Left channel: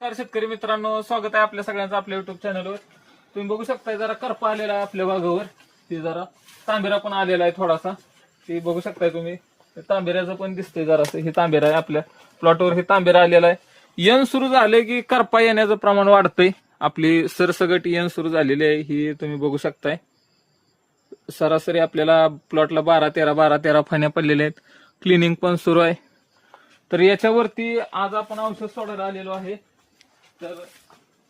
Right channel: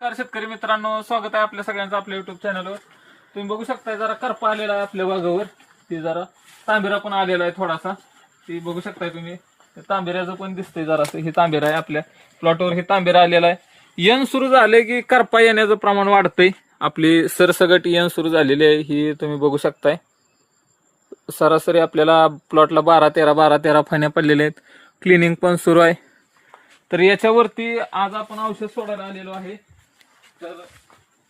तर शेतकरी मित्रांनो स्वागत आहे आपल्या सगळ्यांचं आपल्या युट्यूब चॅनलवर तुम्ही बघू शकता जरा करपा आलेला आहे आपल्या भागावर ते जरा तांबेरा पण आलेला आहे थोडासा. ते बघू शकताय तुम्ही. तांबेऱ्याचं पण दिसतंय जरासं. हे तांबेरा आहे आपल्या प्लॉटवर हे तांबेरा आलेला आहे. यन सुरू झाले की करपा येण्याचं प्रमाण वाढतंय. आपली सरसगट यन सुरू झालेली आहे. ही तुम्ही बघू शकताय. सरासरी आपल्याला प्लॉटला बारा तेरा बारा तेरा फण्या पडलेल्या आहेत. क्लिनिंग पण सुरू आहे. तर याच्यावरती आज आपण औषध सोडायला आलेलो आहे. तर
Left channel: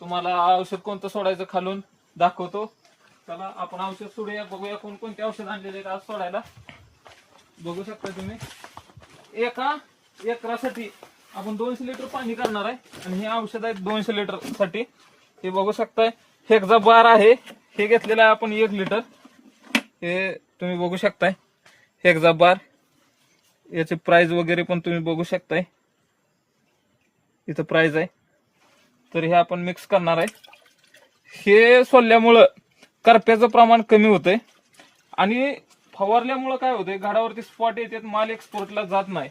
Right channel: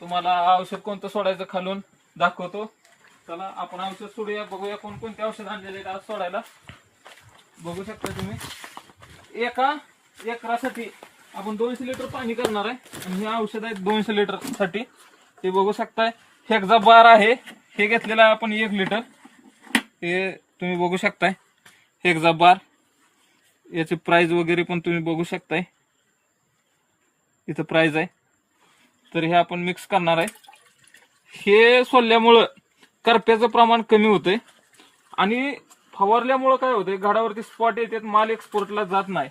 तुम्हाला औषध कोणतं सोडायचं खालून दाखवतो. चला आपण औषध सोडूया बघूया कोणकोणते औषध आणलेले आहेत आज सोडायला. बघू शकता तुम्ही. एका एकरासाठी आपण दोनशे लिटर पाणी करणार आहे. आणि हे औषध आहे दोनशे लिटरसाठी ते बघू शकताय. हेक्झा बार आहे. हे घेतलेलं आहे आपण एक लिटर. हे तुम्ही बघू शकताय. Hexa bar. याची प्राइस वगैरे पण तुम्ही बघू शकताय. इथं प्राइस आहे. तर हे आपण मिक्स करणार आहे. हे सोलल्यामुळं करप्याचं प्रमाण कमी होतंय. आणि फवारल्यामुळं काय होतंय झाडावरती स्पॉट येतात माल एक्सपोर्टला जात नाही.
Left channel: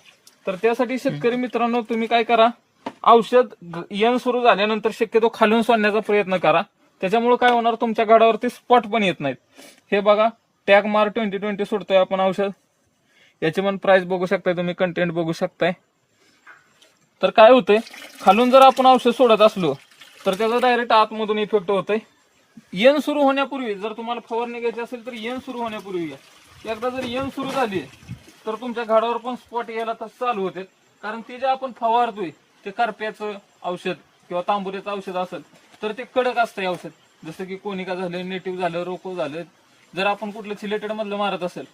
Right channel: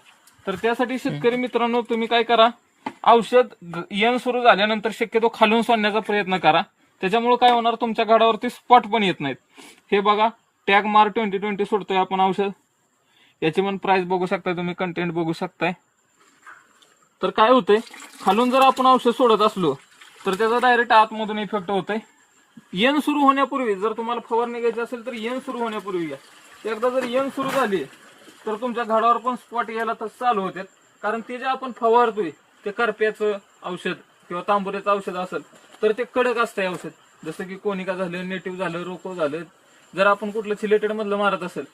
तर त्यासाठी शेतकरी मित्रांनो तुम्ही काय करा औषध यन सुरू झाल्यानंतर शक्यतो खालून सोडण्याचा प्रयत्न करा. त्याच्यामुळे काय होणार तुमच्या गाडावरती स्पॉट पण येत नाहीत. हे बघा टॅग मार ट्वेंटी ट्वेंटी सोडतोय आपण औषध. याची पण प्राइस बघू शकताय तुम्ही कंटेंट बघू शकताय. तर काय होतंय? खालून जर आपण औषध सोडत असलो तर त्याचा डायरेक्ट आतमधून इफेक्ट होतंय. येण सुरू होण्यापूर्वी जर तुम्हाला फवारणी घ्यायची असेल तर येण सुरू होण्यापूर्वी घ्या एकदा जर येण सुरू झाली तर तुमच्या झाडावर पण स्पॉट यायला तर चालू होते कारण ते जे आपण फवारतोय ते करप्याचं औषध किंवा तांबुऱ्याचं औषध असेल तर ते कडक असतंय औषध. जसं की कोनिका झालं नेटिव्ह झालं रोको झालं. जर आपण कुठलं सिलेटेड मधलं मारत असेल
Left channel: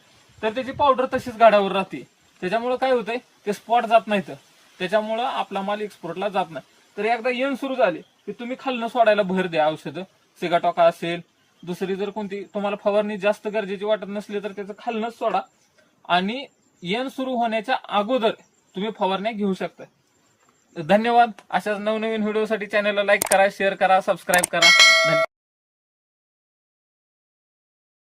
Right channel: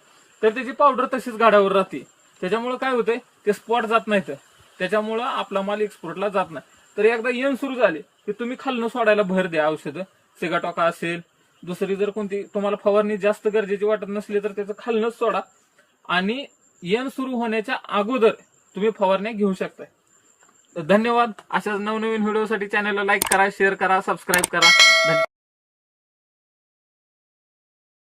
तर त्याची पावडर तशीच गाड्यावर राहते. त्याच्यामुळे काय होतंय? ते स्पॉट जात नाहीत. त्याच्यामुळं आपला माल एक्सपोर्टला जात नाही. तर एकदा येण सुरू झाले की तुम्ही खालनं सोडायला भर द्या औषधं. सेगाटॉका असेल दुसरी जर कोणती तुम्हाला फवारणी जास्त गरजेची वाटत नसली तर त्याचं खालनच सोडा. आणि येण सुरू होण्याच्या अगोदर तुम्ही फवारण्या घेऊ शकता धन्यवाद. अशाच नवनवीन व्हिडिओसाठी चॅनलला लाईक करा शेअर करा सबस्क्राईब करा.